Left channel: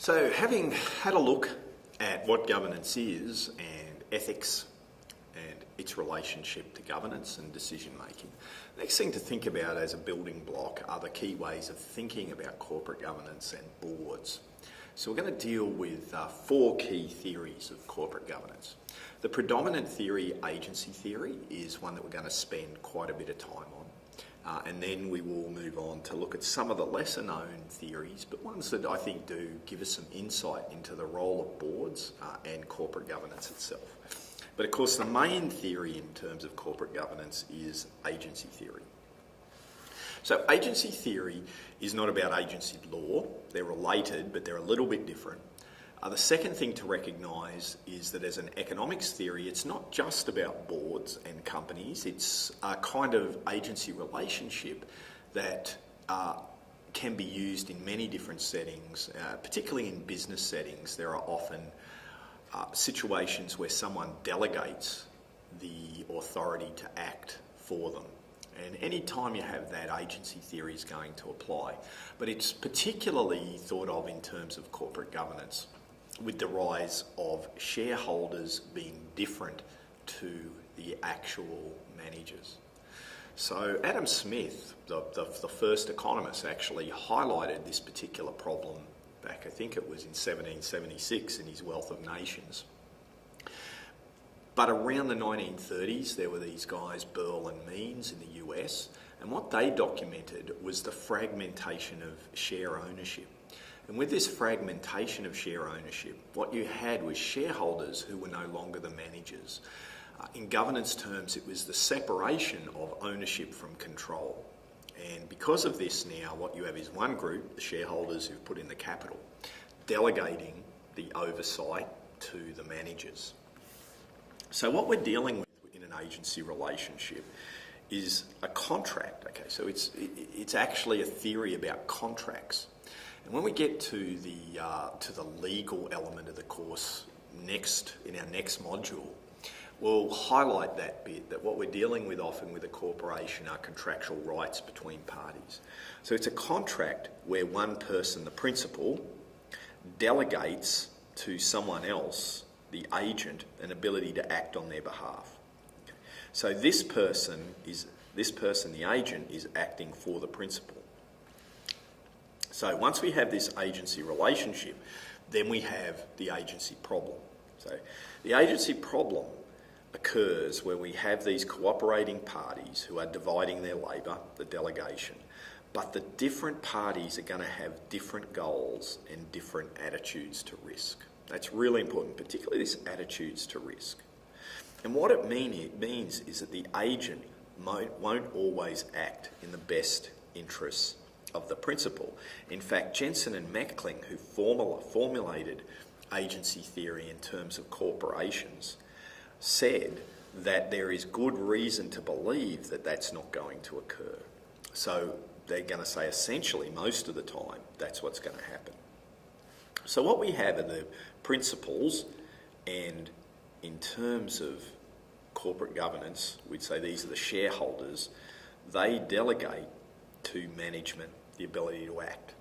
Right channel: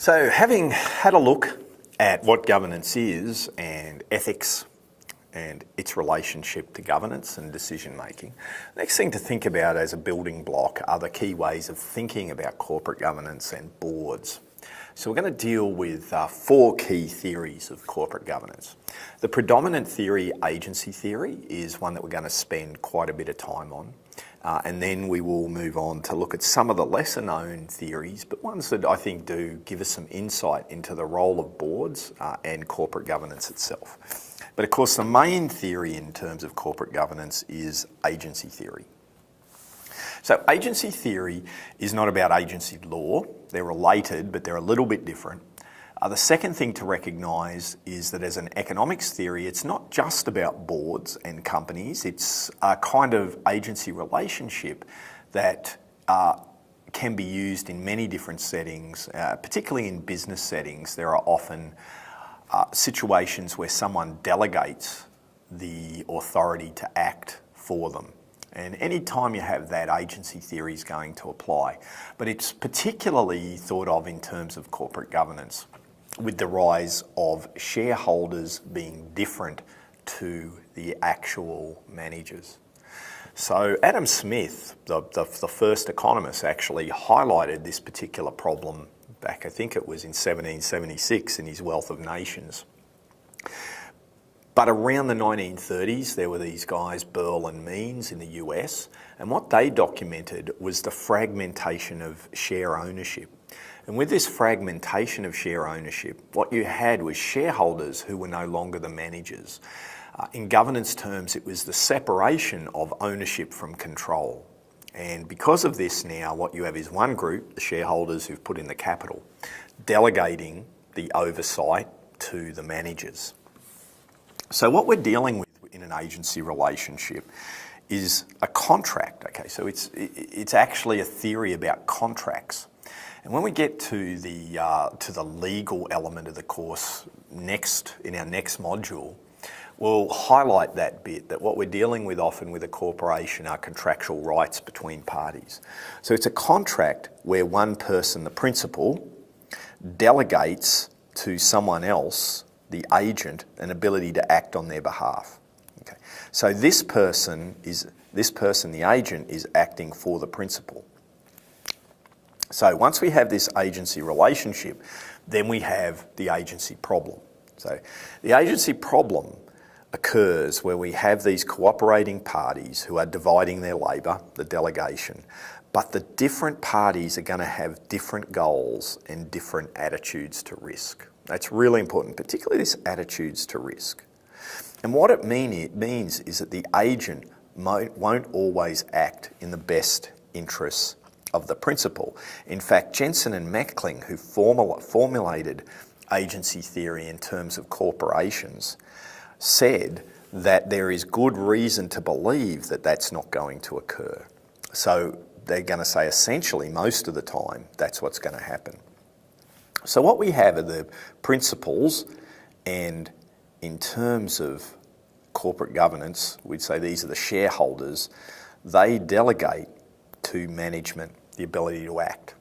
So having had a look at what governance is and ethics and its relationship to governance and decision making, the next thing to think about as a building block are the key ways of thinking about corporate governance and boards. So we're going to deal with four key theories of corporate governance. The predominant theory, agency theory, is one that we're going to spend quite a bit of time on. And then we will move on to look at some of the lesser known theories, but ones that I think do give us some insight into the role of boards and corporate governance itself. But of course, the main theory in terms of corporate governance is agency theory. So agency theory is not about agency law. They're related, but they're a little bit different. The second thing to recognise is that as an economics theory, it's not just about boards and companies. It's a kind of agency relationship that can be used in many different settings, particularly in business settings. There are often situations where someone delegates the authority to act for them. And any time you have that, agency theory is going to apply. But it's particularly thought of in terms of corporate governance, with the rise of shareholders being different to the actual managers. So Adam Smith, the first economist, actually highlighted this particular problem back, I think it was in 1776 in his Wealth of Nations. But around the 1930s, there were these guys, Burl and Means in the US, and what they documented was the fragmentation of share ownership. And with this fragmentation of share ownership, what you had was shareholders who were no longer the managers. In governance terms, it was the separation of ownership from control. And because of this now, what you have is one group, the shareholders who've put in the capital, delegating the oversight to the managers. So what we're dealing with in an agency relationship is a contract. Okay, so it's actually a theory about contracts. And when we get to the legal element of the course in our next module, we'll highlight that bit, that what we're dealing with often with a corporation are contractual rights between parties. So it's a contract where one person, the principal, delegates to someone else, the agent, an ability to act on their behalf. Okay. So this person, the agent, is acting for the principal. So once we have this agency relationship, then we have the agency problem. So the agency problem occurs where we have these cooperating parties who are dividing their labour, the delegation, but the different parties are going to have different goals and different attitudes to risk. That's really important, particularly this attitudes to risk. And what it means is that the agent won't always act in the best interests of the principal. In fact, Jensen and Meckling, who formulated agency theory in terms of corporations, said that there is good reason to believe that that's not going to occur. So they're going to say essentially most of the time that's what's going to happen. So what we have are the principles, and in terms of corporate governance, we'd say these are the shareholders. They delegate to management the ability to act.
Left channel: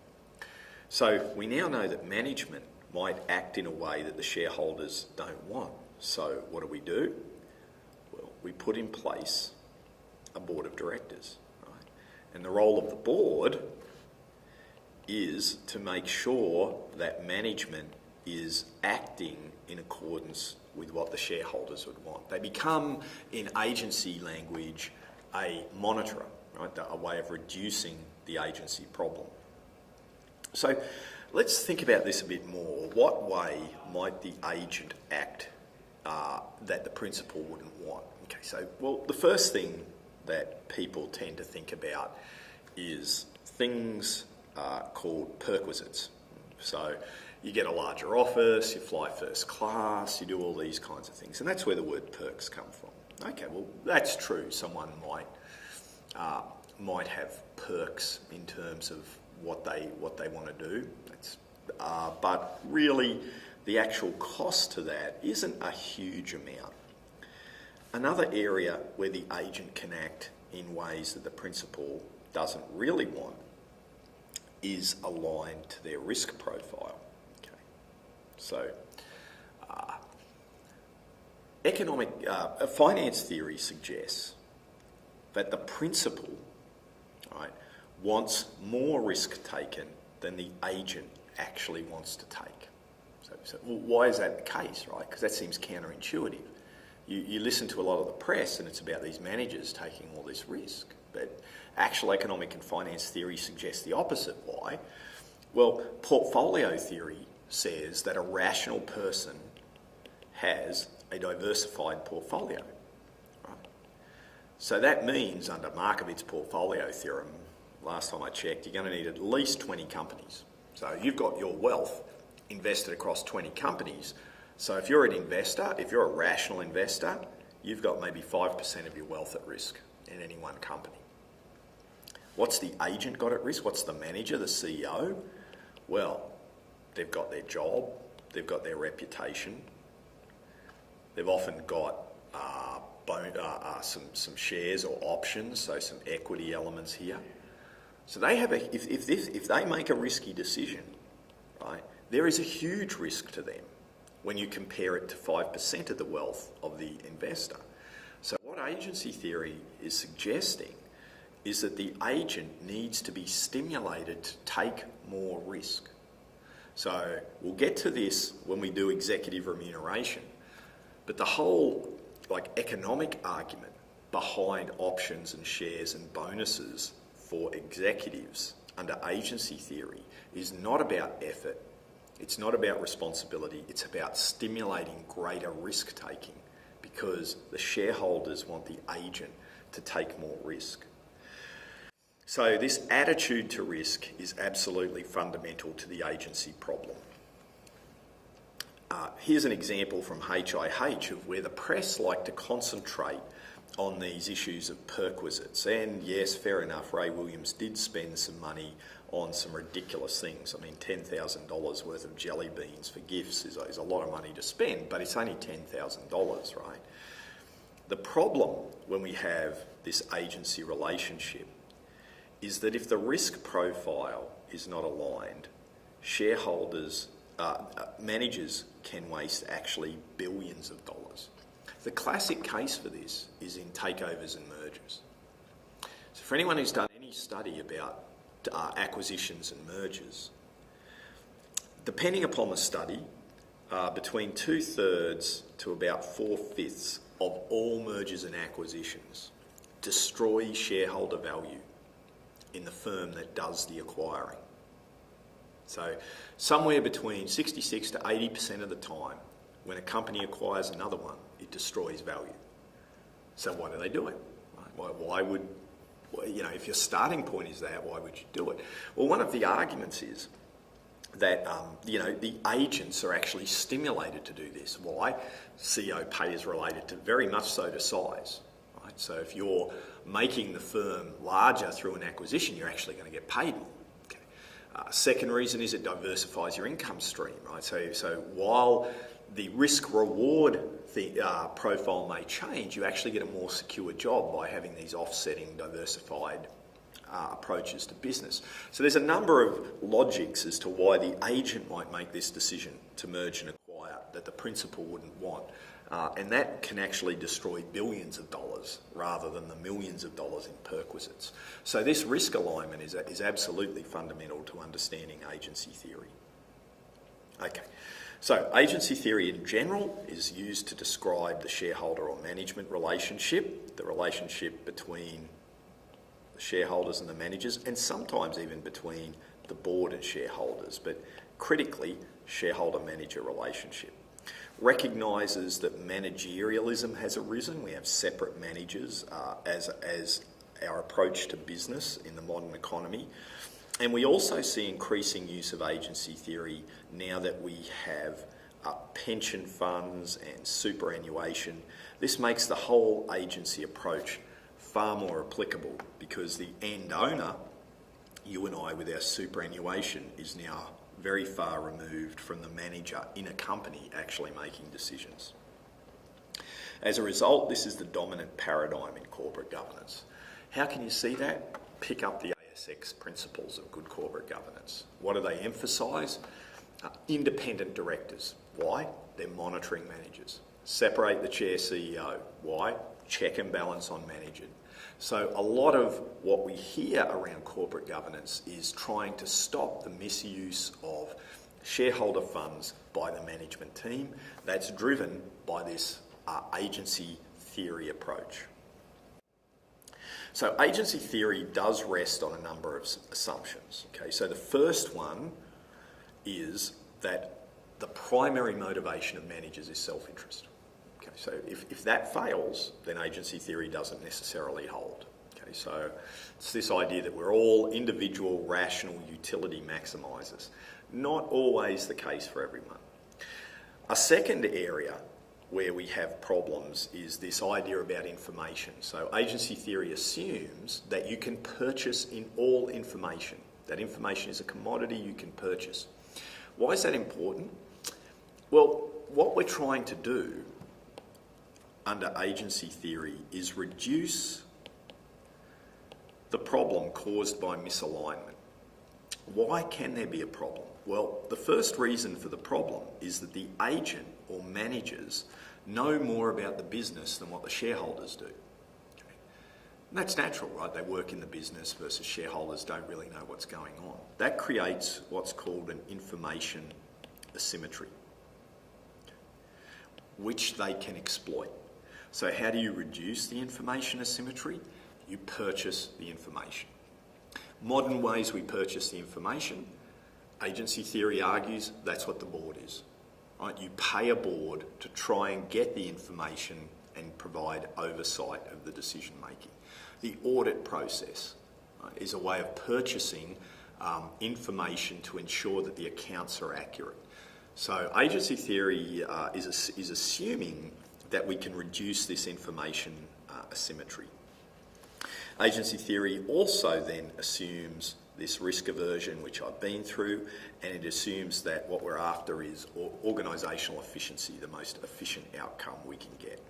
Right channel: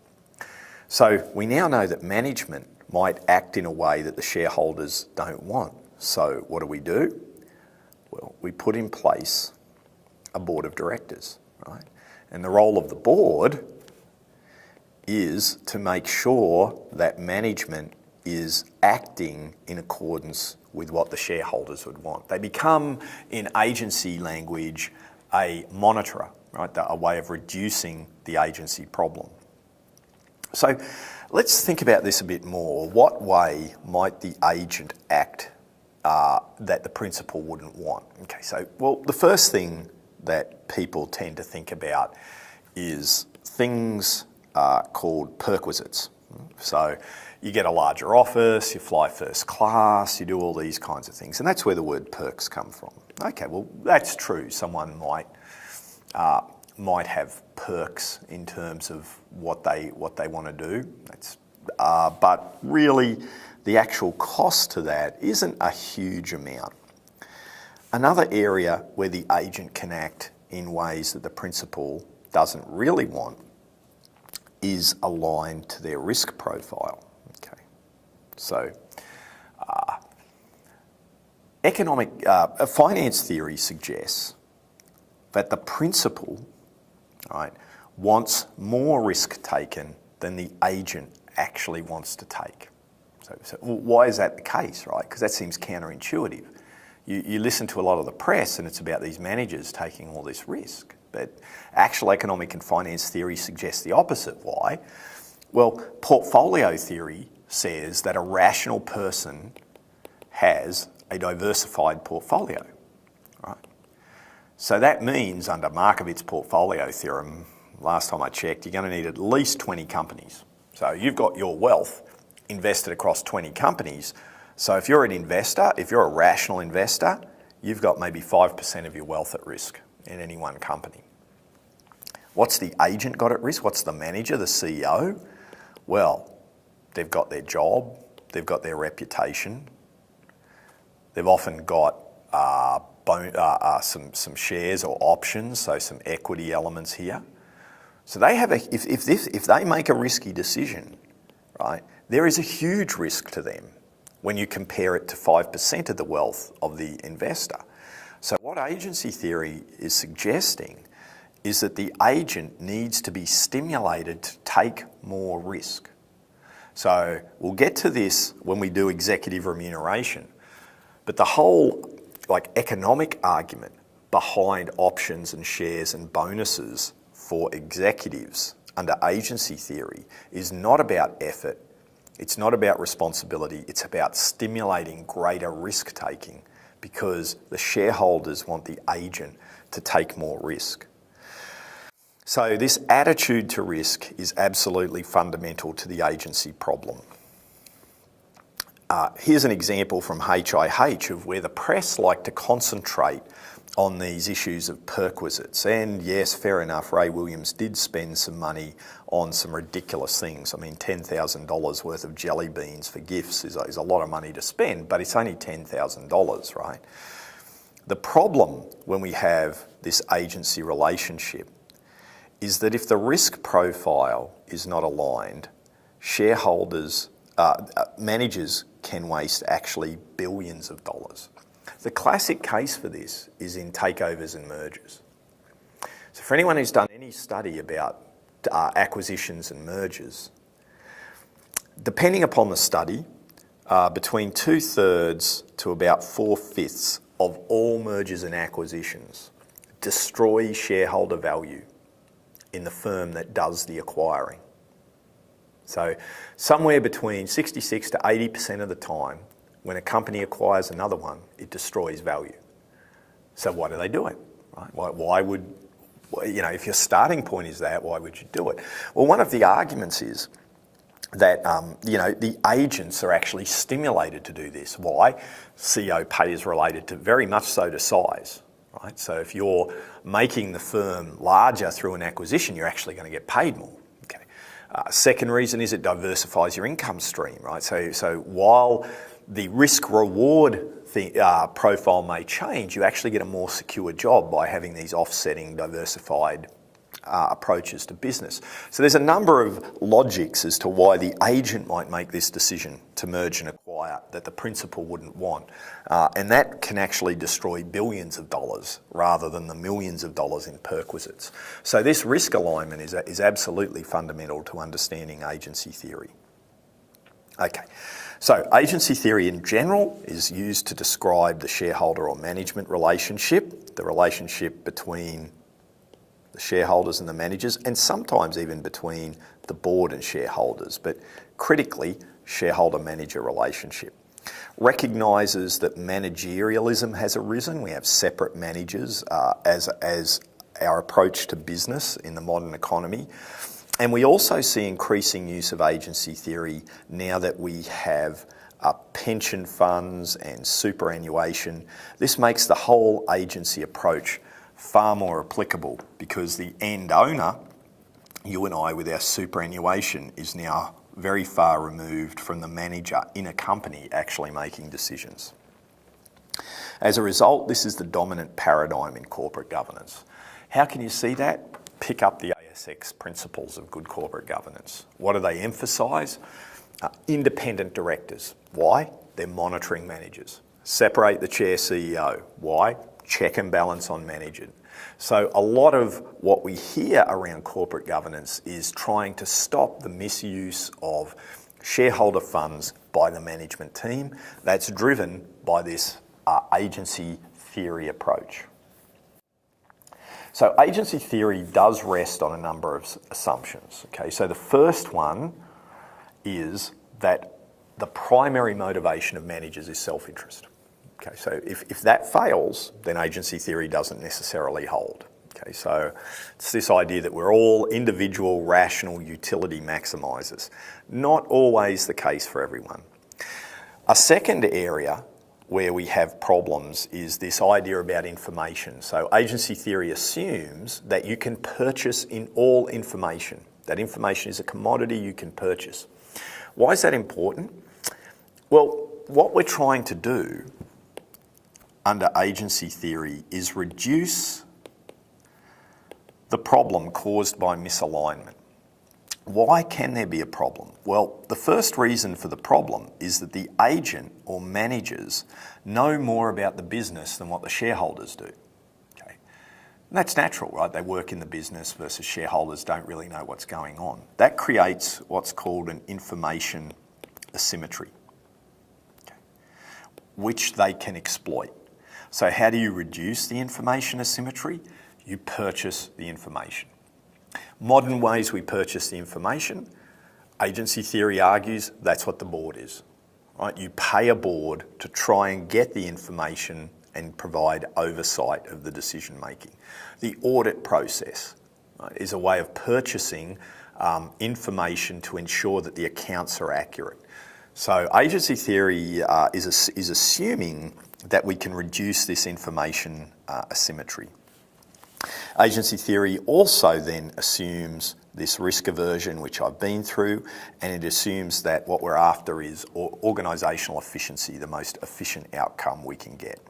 So we now know that management might act in a way that the shareholders don't want. So what do? Well, we put in place a board of directors, right? And the role of the board is to make sure that management is acting in accordance with what the shareholders would want. They become, in agency language, a monitorer, right? A way of reducing the agency problem. So let's think about this a bit more. What way might the agent act that the principal wouldn't want? Okay, so, well, the first thing that people tend to think about is things called perquisites. So you get a larger office, you fly first class, you do all these kinds of things, and that's where the word perks come from. Okay, well, that's true. Someone might have perks in terms of what they want to do. But really, the actual cost to that isn't a huge amount. Another area where the agent can act in ways that the principal doesn't really want is aligned to their risk profile. Okay. So finance theory suggests that the principal, right, wants more risk taken than the agent actually wants to take. So why is that the case, right? Because that seems counterintuitive. You listen to a lot of the press and it's about these managers taking all this risk, but actual economic and finance theory suggests the opposite. Why? Well, portfolio theory says that a rational person has a diversified portfolio, right? So that means under Markovitz's portfolio theorem, last time I checked, you're going to need at least 20 companies. So you've got your wealth invested across 20 companies. So if you're an investor, if you're a rational investor, you've got maybe 5% of your wealth at risk in any one company. What's the agent got at risk? What's the manager, the CEO? Well, they've got their job, they've got their reputation, they've often got some shares or options, so some equity elements here. So they have if they make a risky decision, right, there is a huge risk to them when you compare it to 5% of the wealth of the investor. So what agency theory is suggesting is that the agent needs to be stimulated to take more risk. So we'll get to this when we do executive remuneration, but the whole economic argument behind options and shares and bonuses for executives under agency theory is not about effort, it's not about responsibility, it's about stimulating greater risk taking because the shareholders want the agent to take more risk. So this attitude to risk is absolutely fundamental to the agency problem. Here's an example from HIH of where the press like to concentrate on these issues of perquisites. And yes, fair enough, Ray Williams did spend some money on some ridiculous things. I mean, $10,000 worth of jelly beans for gifts is a lot of money to spend, but it's only $10,000, right? The problem when we have this agency relationship is that if the risk profile is not aligned, managers can waste actually billions of dollars. The classic case for this is in takeovers and mergers. So for anyone who's done any study about acquisitions and mergers, depending upon the study, between 2/3 to about 4/5 of all mergers and acquisitions destroy shareholder value in the firm that does the acquiring. So somewhere between 66 to 80% of the time, when a company acquires another one, it destroys value. So why do they do it? Right? Why would, if your starting point is that, why would you do it? Well, one of the arguments is that, the agents are actually stimulated to do this. Why? CEO pay is related to very much so to size, right? So if you're making the firm larger through an acquisition, you're actually going to get paid more. Okay. Second reason is it diversifies your income stream, right? So while the risk-reward profile may change, you actually get a more secure job by having these offsetting, diversified approaches to business. So there's a number of logics as to why the agent might make this decision to merge and acquire that the principal wouldn't want. And that can actually destroy billions of dollars rather than the millions of dollars in perquisites. So this risk alignment is absolutely fundamental to understanding agency theory. Okay. So agency theory in general is used to describe the shareholder or management relationship, the relationship between the shareholders and the managers, and sometimes even between the board and shareholders, but critically, shareholder-manager relationship. Recognises that managerialism has arisen. We have separate managers as our approach to business in the modern economy. And we also see increasing use of agency theory now that we have pension funds and superannuation. This makes the whole agency approach far more applicable because the end owner, you and I with our superannuation, is now very far removed from the manager in a company actually making decisions. As a result, this is the dominant paradigm in corporate governance. How can you see that? Pick up the ASX principles of good corporate governance. What do they emphasise? Independent directors. Why? They're monitoring managers. Separate the chair CEO. Why? Check and balance on managers. So a lot of what we hear around corporate governance is trying to stop the misuse of shareholder funds by the management team. That's driven by this agency theory approach. So agency theory does rest on a number of assumptions. Okay, so the first one is that the primary motivation of managers is self-interest. Okay, so if that fails, then agency theory doesn't necessarily hold. Okay, so it's this idea that we're all individual, rational utility maximisers. Not always the case for everyone. A second area where we have problems is this idea about information. So agency theory assumes that you can purchase in all information. That information is a commodity you can purchase. Why is that important? Well, what we're trying to do under agency theory is reduce the problem caused by misalignment. Why can there be a problem? Well, the first reason for the problem is that the agent or managers know more about the business than what the shareholders do. Okay. And that's natural, right? They work in the business versus shareholders don't really know what's going on. That creates what's called an information asymmetry, okay, which they can exploit. So how do you reduce the information asymmetry? You purchase the information. Modern ways we purchase the information, agency theory argues that's what the board is. Right? You pay a board to try and get the information and provide oversight of the decision making. The audit process, right, is a way of purchasing information to ensure that the accounts are accurate. So agency theory is assuming that we can reduce this information asymmetry. Agency theory also then assumes this risk aversion, which I've been through, and it assumes that what we're after is organisational efficiency, the most efficient outcome we can get.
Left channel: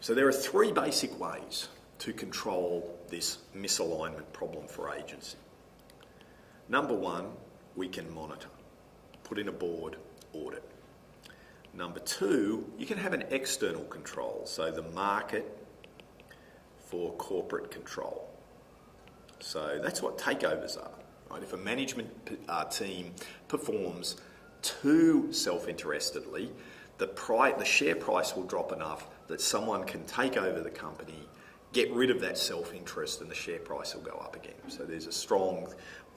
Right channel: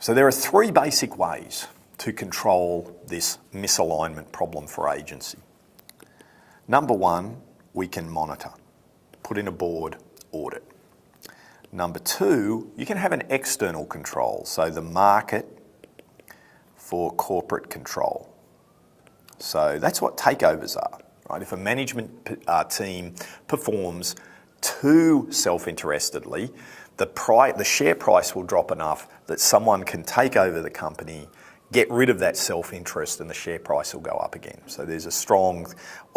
So there are three basic ways to control this misalignment problem for agency. Number one, we can monitor, put in a board audit. Number two, you can have an external control, so the market for corporate control. So that's what takeovers are, right? If a management team performs too self-interestedly, the share price will drop enough that someone can take over the company, get rid of that self-interest, and the share price will go up again. So there's a strong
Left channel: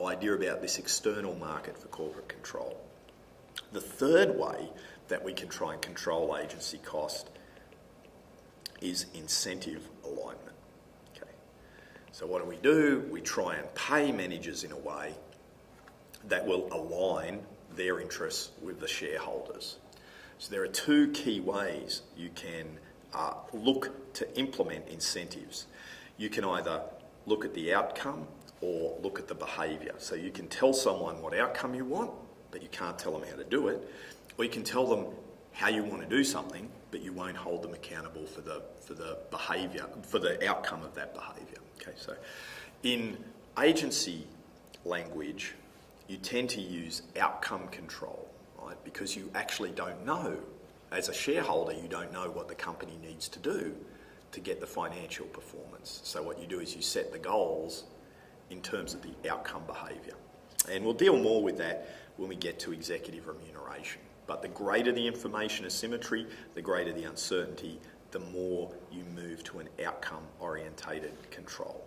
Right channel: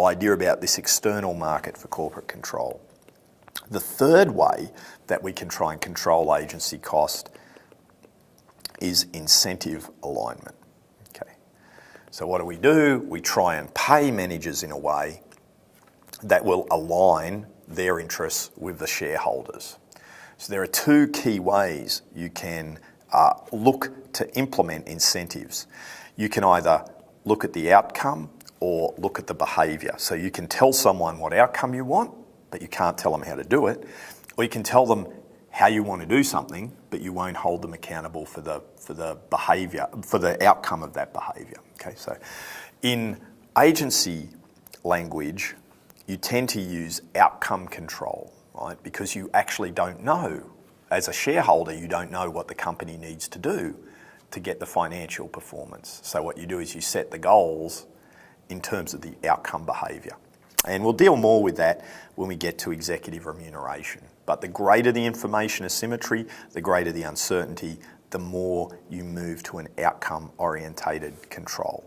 idea about this external market for corporate control. The third way that we can try and control agency cost is incentive alignment. Okay. So what do? We try and pay managers in a way that will align their interests with the shareholders. So there are two key ways you can look to implement incentives. You can either look at the outcome or look at the behaviour. So you can tell someone what outcome you want, but you can't tell them how to do it. Or you can tell them how you want to do something, but you won't hold them accountable for the behaviour, for the outcome of that behaviour. Okay, so in agency language, you tend to use outcome control, right? Because you actually don't know, as a shareholder, you don't know what the company needs to do to get the financial performance. So what you do is you set the goals in terms of the outcome behaviour. And we'll deal more with that when we get to executive remuneration. But the greater the information asymmetry, the greater the uncertainty, the more you move to an outcome-orientated control.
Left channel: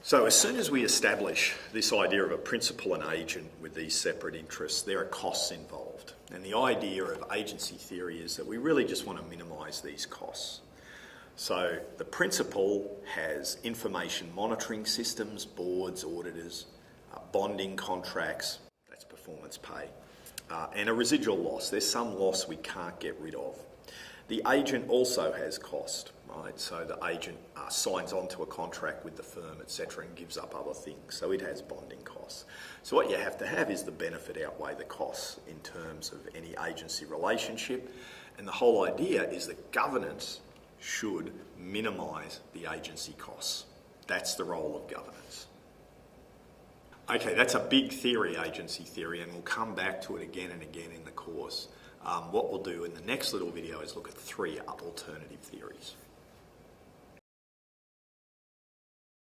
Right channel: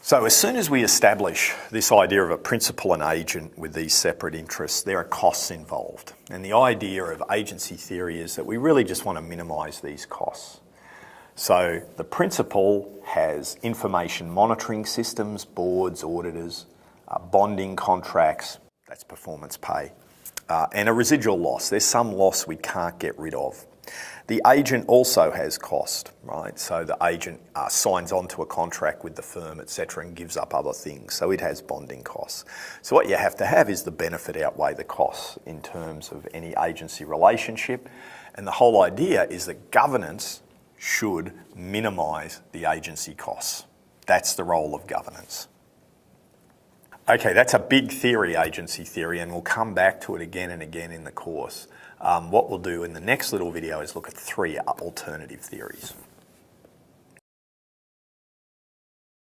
So as soon as we establish this idea of a principal and agent with these separate interests, there are costs involved. And the idea of agency theory is that we really just want to minimise these costs. So the principal has information monitoring systems, boards, auditors, bonding contracts, that's performance pay, and a residual loss. There's some loss we can't get rid of. The agent also has cost, right? So the agent signs on to a contract with the firm, etc., and gives up other things. So it has bonding costs. So what you have to have is the benefit outweigh the costs in terms of any agency relationship. And the whole idea is that governance should minimise the agency costs. That's the role of governance. Okay, that's a big theory, agency theory, and we'll come back to it again and again in the course. What we'll do in the next little video is look at 3 alternative theories.